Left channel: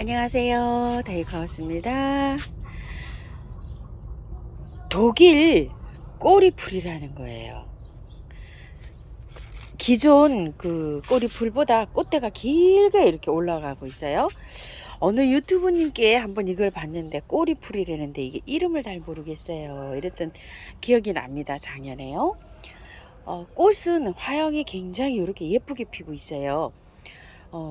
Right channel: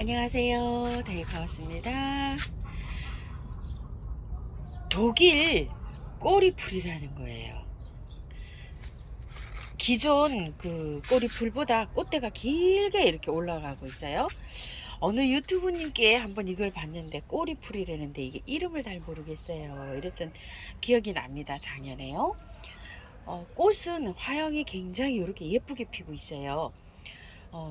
안녕하세요. 다이카우스입니다. 독일 꼬리풀이라는 거예요. 기존 그 꼬리풀보다 꽃대가 길게 이렇게 올라가고 있어요. 어느 유튜브님께 한번 이걸 봤는데 꼬리풀이라는데 이게 이름을 잘 모르겠어요. 이랬던 기억이 납니다. 작년에요. 꽃은 화형이 굉장히 이렇게 예쁘게 피고 있어요.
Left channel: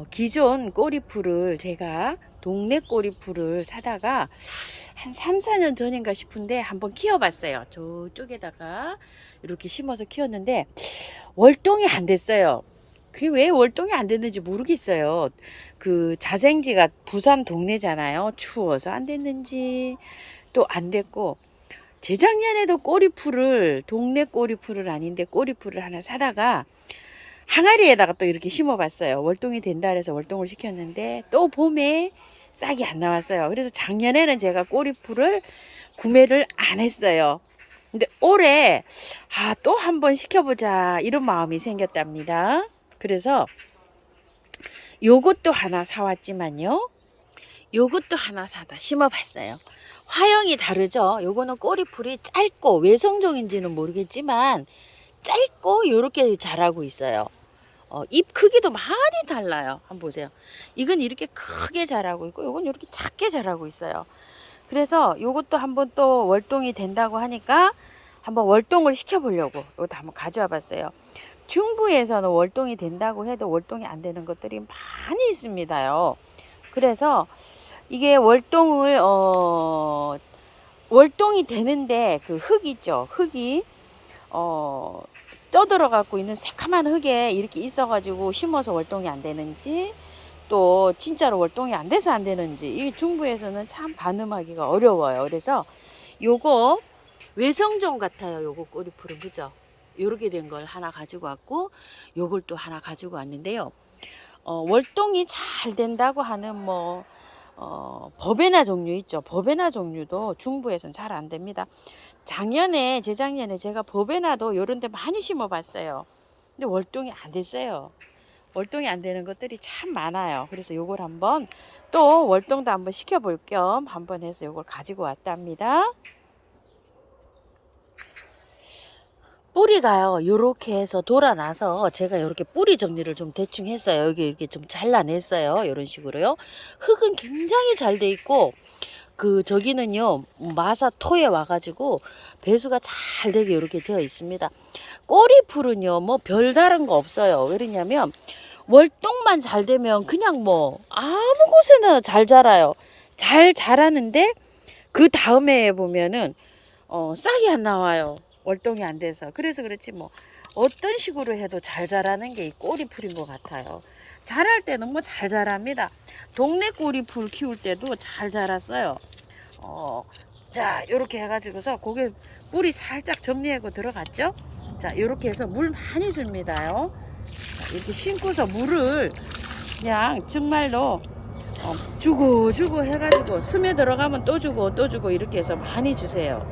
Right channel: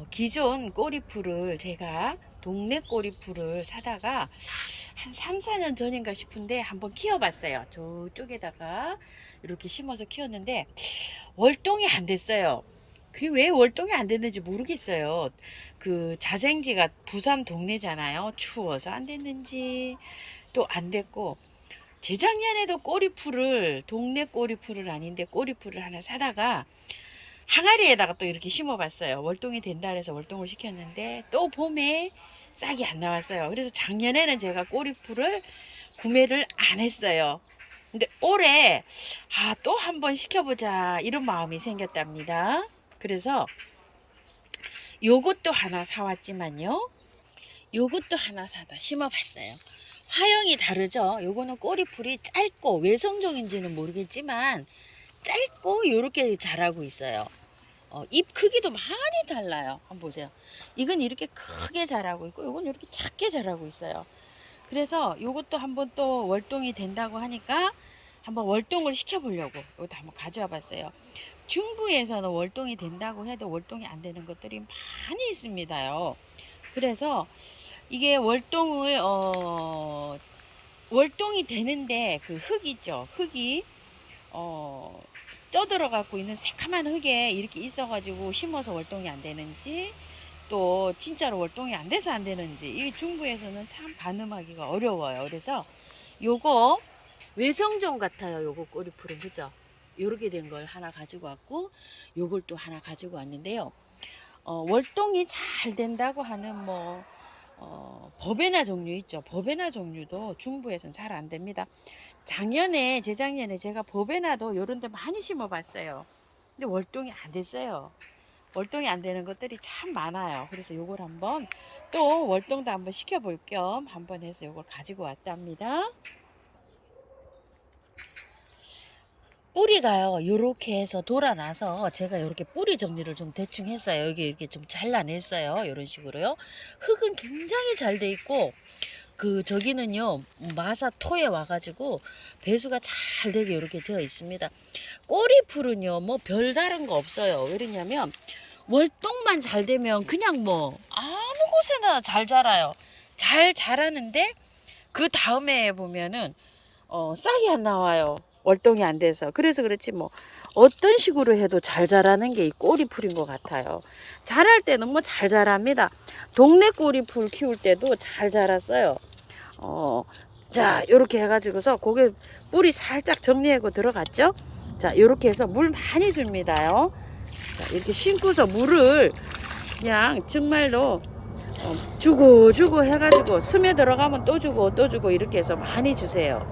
기존 꼬리풀을 제가 동네 꼬리풀을 사다가 한 3, 4년 전인가 싶은데 한번 키워봤어요. 저쪽에다가 이렇게 심어서 키웠는데 월동이 안 됐어요. 그게 왜 월동이 안 됐는지 모르겠어요. 그 자생지가 부산 동네잖아요. 추워서 안 됐는지 또 안 됐고, 재작년에도 꼬리풀을 동네 꼬리풀을 아닌데 꼬리풀을 하나 사다가 항아리에다가 또 이렇게 심어봤어요. 월동이 된다 그래서 월동을 시켰는데 또 봄에 싹이 안 나왔어요. 그래서 작년에는 제가 꼬리풀을 구매를 안 했어요. 근데 올해 또 한번 시켜보자 이런 마음이 생겼답니다. 그래서 요것도 하나 사왔지만요, 요것도 하나 사다 심어봤어요. 화형이 다르죠. 요거는 꼬리풀이 짧고 외성종인지는 모르겠지만 짧고 요렇게 자라고 있어요. 잎 크기도 많이 달라요. 한번 보세요. 이건 이렇게 크게 자라고 있고 이건 이렇게 작게 자라고 있어요. 그래서 요것도 한번 또 월동이 된다고 하니까 한번 월동을 시켜보려고 이것도 한번 가져와 봤어요. 중부에서는 월동이 된다고 해도 월동이 안 되는 것들이 많이 있습니다요. 그래서 이게 월동이 되는데 그 흙 있죠. 흙이 쪄들어 갖고 있는 새카만 흙에 이렇게 있어 가지고 심어서 월동이 안 되는지, 또 진짜로 월동이 안 돼서 안 되는지, 이 중부에서는 참 가늠하기가 어려워요. 그래서 요거 외성종 같아요. 요거 꼬리풀은, 그죠? 요렇게 된 걸 하나 가지고 왔고 요걸 또 하나 가지고 왔는데요. 월동이 잘 된다고 하는 버베나 종류 있죠. 버베나 종류도 중부에서는 잘 안 됩니다. 재작년에 제가 버베나도 요런 데 많이 심어 봤어요. 근데 월동이 안 됐어요. 월동이 안 되는 것들이 참 많아요. 그래서 요걸 한번 또 월동도 한번 시켜볼 겸 한번 해서 요걸 가지고 왔답니다. 뿌리가요, 요렇게 해서 돌아나서 제가 요렇게 뿌리 정리를 좀 대충 했어요. 여기 이렇게 좀 잘라냈어요. 요런 식으로요. 흙은 굉장히 잘 돼 있고, 저기는요, 마사토에 와가지고 배수가 잘 되게 이렇게 되어 있습니다. 꼬리풀은요, 뭐 별다른 거 없어요. 왜냐면 월동만 잘 되면 그냥 아무 곳에나 잘 자라요. 잘 자라는데 그 다음에 보면은 싹이 안 나와요. 월동이 안 돼서. 그래서 그렇지 어떤 식으로 해도 잘 자라는 게 이 꼬리풀인 것 같아요. 자랄 때는 잘 자랍니다. 동네 꼬리풀 키울 때도 잘 자랐어요. 자, 요렇게 해가지고서 고개 뿌리 살짝 정리하고 들어갔죠. 자, 요렇게 해서 물 많이 줍니다요. 자, 이렇게 심고서 물을 그냥 정말로 주고 해가지고 스며 들어가면 또 주고 이렇게 해서 많이 주세요.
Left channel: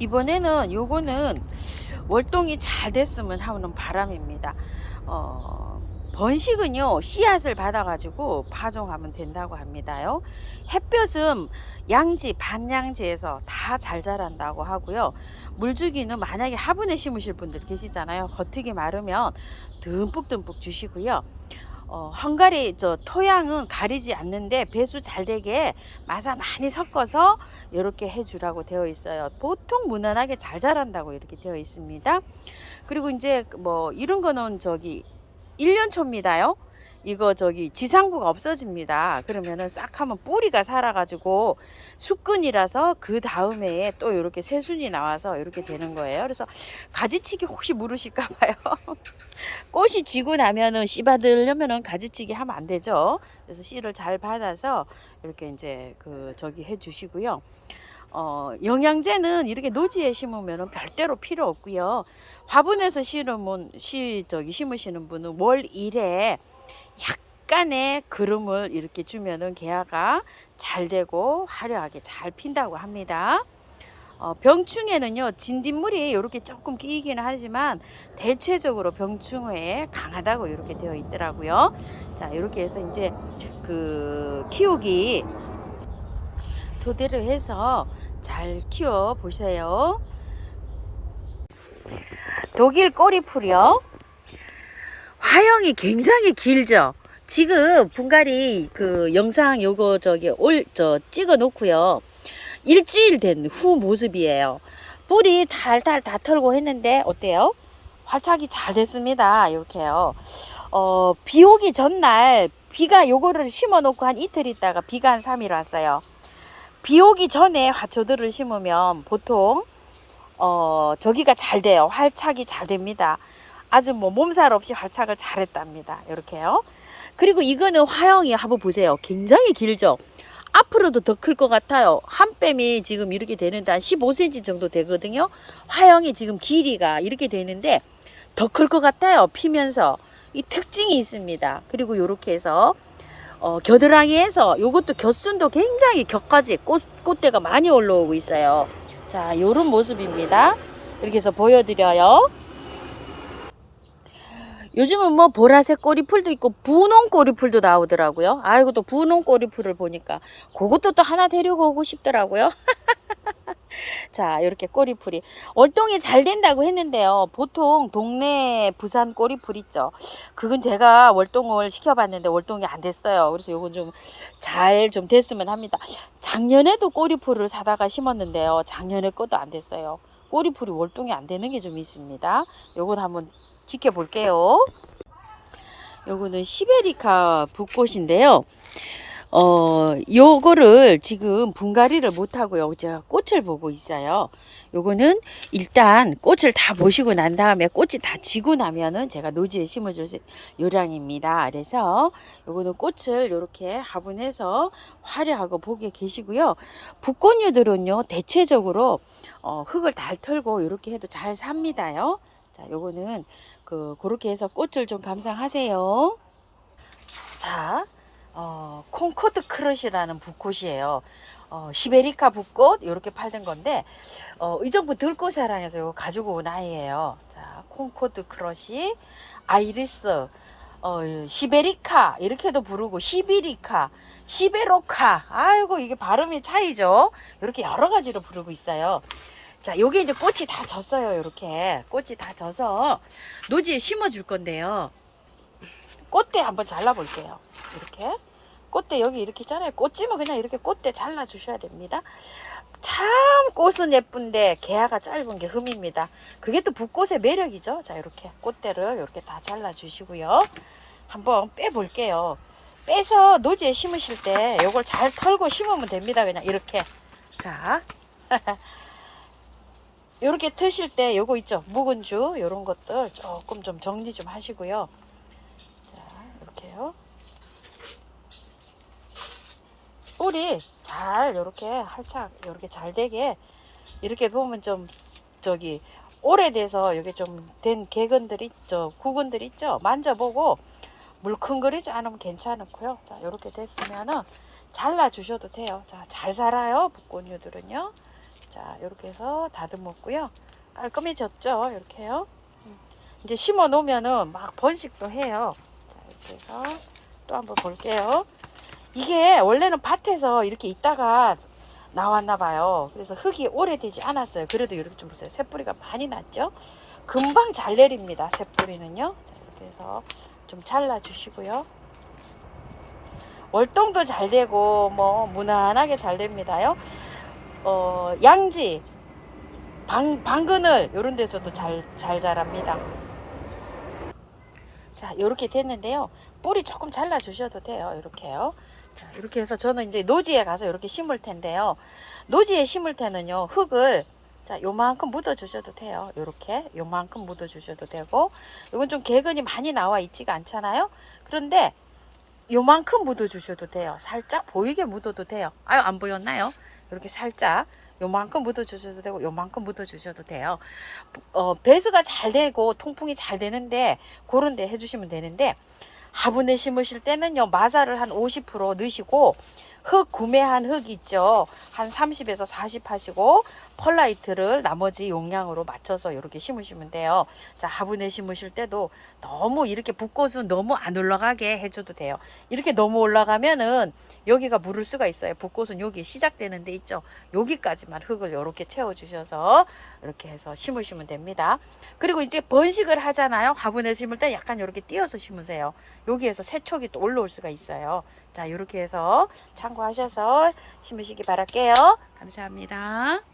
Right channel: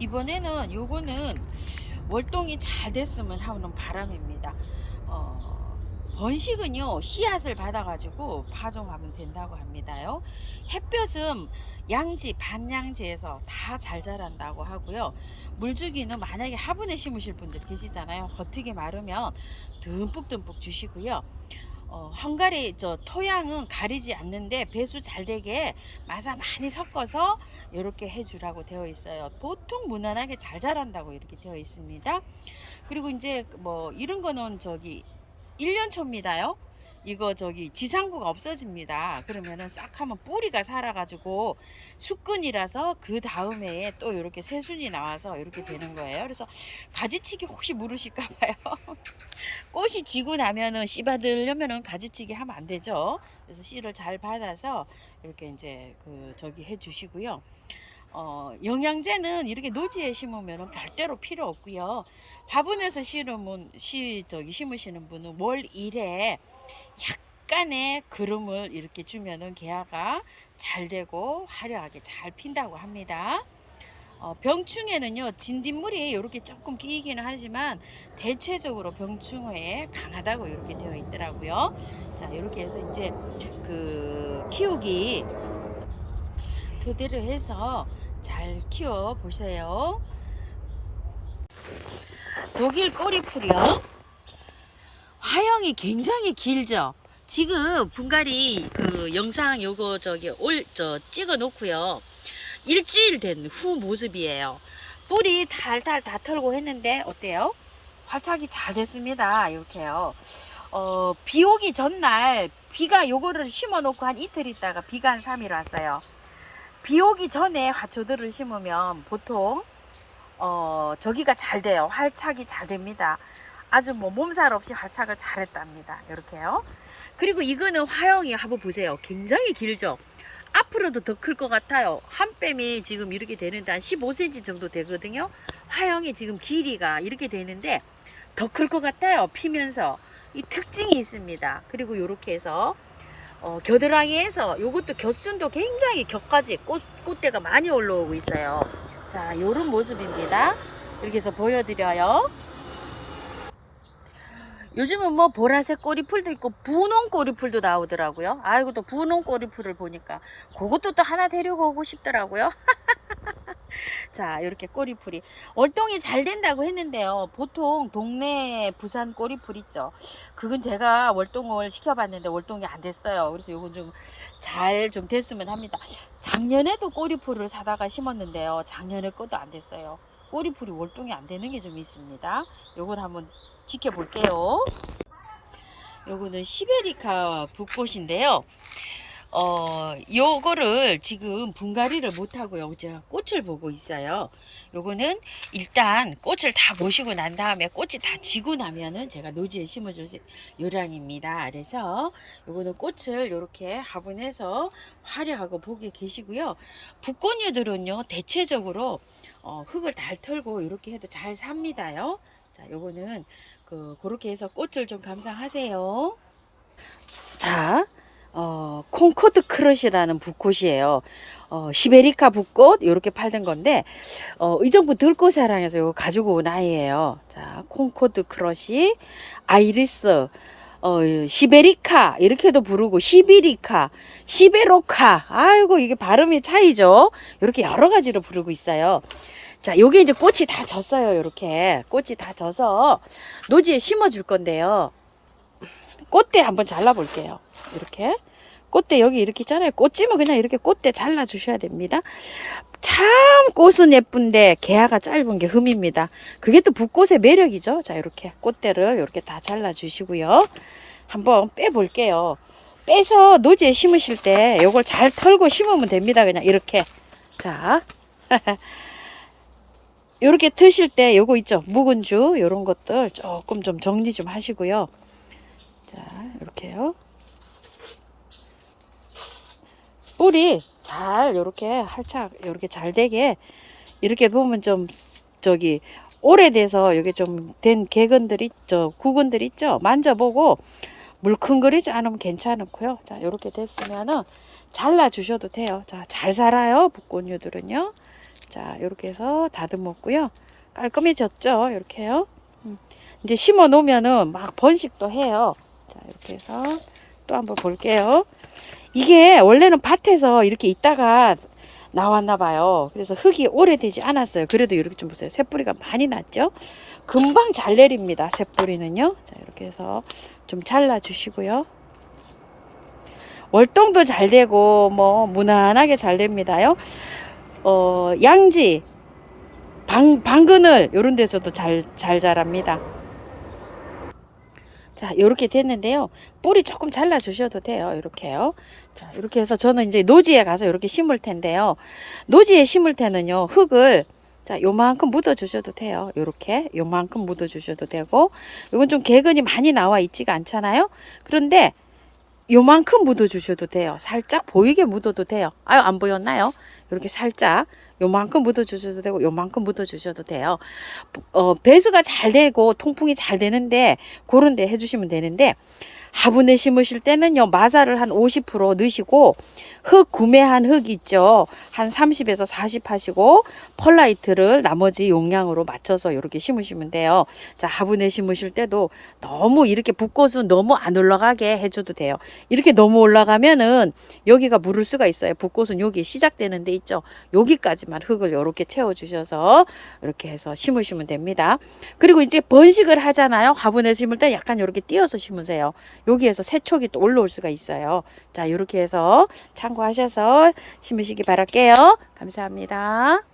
이번에는 요거는 월동이 잘 됐으면 하는 바람입니다. 번식은요, 씨앗을 받아가지고 파종하면 된다고 합니다요. 햇볕은 양지, 반양지에서 다 잘 자란다고 하고요. 물주기는 만약에 화분에 심으실 분들 계시잖아요. 겉흙이 마르면 듬뿍듬뿍 주시고요. 헝가리 토양은 가리지 않는데 배수 잘 되게 마사 많이 섞어서 이렇게 해주라고 되어 있어요. 보통 무난하게 잘 자란다고 이렇게 되어 있습니다. 그리고 이제 이런 거는 1년 초입니다요. 이거 지상부가 없어집니다. 그러면은 싹 하면 뿌리가 살아가지고 수근이라서 그 다음에 또 이렇게 새순이 나와서 이렇게 되는 거예요. 그래서 가지치기 혹시 물으실까봐요. 꽃이 지고 나면은 씨 받으려면은 가지치기 하면 안 되죠. 그래서 씨를 잘 받아서 이렇게 이제 해 주시고요. 영양제는 이렇게 노지에 심으면 별대로 필요 없고요. 화분에서 심으시는 분은 월 1회 약간의 그름을 이렇게 주면은 개화가 잘 되고 화려하게 잘 핀다고 합니다. 병충해는요, 진딧물이 이렇게 조금 끼이기는 하지만 대체적으로 병충해에 강하다고 이렇게 되어 있더라고요. 자, 이렇게 해서 이제 그 키우기 토대를 해서 잘 키워 보세요. 독일 꼬리풀이요. 화형이 굉장히 길죠. 지금 분갈이 그 영상 요거 찍어 놓고요. 일주일 된 후 모습이에요. 뿌리 달달 다 털고 했는데 어때요? 활착이 잘 됐습니다. 이렇게요. 비 오기 전날 비가 요거를 심어 놓고 한 이틀 있다가 비가 한 3일 왔어요. 비 오기 전에 화초들을 심으면 보통 저기가 잘 돼요. 활착이 잘 됩니다. 아주 뭐 몸살 없이 활착을 잘했답니다. 이렇게요. 그리고 이거는 화형이 한번 보세요. 굉장히 길죠. 앞으로도 더 클 것 같아요. 한 뺨이 지금 이렇게 되는데 한 15cm 정도 되거든요. 화형이 지금 길이가 이렇게 되는데 더 클 것 같아요. 피면서 이 특징이 있습니다. 그리고 이렇게 해서 겨드랑이에서 요것도 곁순도 굉장히 격까지 꽃대가 많이 올라오고 있어요. 자, 요런 모습입니다. 이렇게 해서 보여드려요. 요즘은 뭐 보라색 꼬리풀도 있고 분홍 꼬리풀도 나오더라고요. 아이고, 또 분홍 꼬리풀을 보니까 그것도 또 하나 데리고 오고 싶더라고요. 자, 이렇게 꼬리풀이 월동이 잘 된다고 했는데요. 보통 동네 부산 꼬리풀 있죠. 그건 제가 월동을 시켜봤는데 월동이 안 됐어요. 그래서 요건 좀 잘 좀 됐으면 합니다. 작년에도 꼬리풀을 사다가 심었는데요. 작년에 것도 안 됐어요. 꼬리풀이 월동이 안 되는 게 좀 있습니다. 요건 한번 지켜볼게요. 요거는 시베리카 붓꽃인데요. 요거를 지금 분갈이를 못하고요. 제가 꽃을 보고 있어요. 요거는 일단 꽃을 다 보시고 난 다음에 꽃이 다 지고 나면은 제가 노지에 심어줄 요량입니다. 그래서 요거는 꽃을 이렇게 화분해서 화려하고 보게 계시고요. 붓꽃류들은요, 대체적으로 흙을 달 털고 이렇게 해도 잘 삽니다요. 자, 요거는 그렇게 해서 꽃을 좀 감상하세요. 자, 콩코드 크러쉬라는 붓꽃이에요. 시베리카 붓꽃 이렇게 팔던 건데 의정부 들꽃사랑에서 이거 가지고 온 아이예요. 자, 콩코드 크러쉬, 아이리스, 시베리카 이렇게도 부르고 시비리카, 시베로카. 아이고, 이게 발음의 차이죠. 이렇게 여러 가지로 부르고 있어요. 자, 요게 이제 꽃이 다 졌어요. 이렇게 꽃이 다 져서 노지에 심어 줄 건데요. 꽃대 한번 잘라 볼게요. 이렇게 꽃대 여기 이렇게 있잖아요. 꽃지면 그냥 이렇게 꽃대 잘라 주셔야 됩니다. 참 꽃은 예쁜데 개화가 짧은 게 흠입니다. 그게 또 붓꽃의 매력이죠. 자, 이렇게 꽃대를 이렇게 다 잘라 주시고요. 한번 빼 볼게요. 빼서 노지에 심으실 때 요걸 잘 털고 심으면 됩니다. 그냥 이렇게. 자, 이렇게 트실 때 요거 있죠, 묵은주 요런 것들 조금 좀 정리 좀 하시고요. 자, 이렇게요. 뿌리 잘 요렇게 활착 요렇게 잘 되게 이렇게 보면 좀 저기 오래돼서 여기 좀 된 개근들 있죠, 구근들 있죠, 만져보고 물컹거리지 않으면 괜찮고요. 자, 요렇게 됐으면은 잘라 주셔도 돼요. 자, 잘 살아요 붓꽃류들은요. 자, 이렇게 해서 다듬었고요. 깔끔해졌죠. 이렇게요. 이제 심어 놓으면은 막 번식도 해요. 자, 이렇게 해서 또 한번 볼게요. 이게 원래는 밭에서 이렇게 있다가 나왔나 봐요. 그래서 흙이 오래되지 않았어요. 그래도 이렇게 좀 보세요. 새뿌리가 많이 났죠. 금방 잘 내립니다. 새뿌리는요. 자, 이렇게 해서 좀 잘라 주시고요. 월동도 잘 되고 뭐 무난하게 잘 됩니다요. 양지, 방그늘 이런 데서도 잘 자랍니다. 자, 이렇게 됐는데요. 뿌리 조금 잘라 주셔도 돼요. 이렇게요. 자, 이렇게 해서 저는 이제 노지에 가서 이렇게 심을 텐데요. 노지에 심을 때는요, 흙을 자, 요만큼 묻어 주셔도 돼요. 요렇게 요만큼 묻어 주셔도 되고, 이건 좀 개근이 많이 나와 있지가 않잖아요. 그런데 요만큼 묻어 주셔도 돼요. 살짝 보이게 묻어도 돼요. 아유, 안 보였나요? 이렇게 살짝 요만큼 묻어 주셔도 되고 요만큼 묻어 주셔도 돼요. 배수가 잘 되고 통풍이 잘 되는데 그런 데 해주시면 되는데, 화분에 심으실 때는요, 마사를 한 50% 넣으시고, 흙 구매한 흙 있죠. 한 30에서 40 하시고, 펄라이트를 나머지 용량으로 맞춰서 이렇게 심으시면 돼요. 자, 화분에 심으실 때도 너무 이렇게 붓꽃은 너무 안 올라가게 해줘도 돼요. 이렇게 너무 올라가면은 여기가 물을 수가 있어요. 붓꽃은 여기 시작되는 데 있죠. 여기까지만 흙을 이렇게 채워주셔서 이렇게 해서 심으시면 됩니다. 그리고 이제 번식을 하잖아요. 화분에 심을 때 약간 이렇게 띄어서 심으세요. 여기에서 새촉이 또 올라올 수가 있어요. 자, 이렇게 해서 참고하셔서 심으시기 바랄게요. 감사합니다.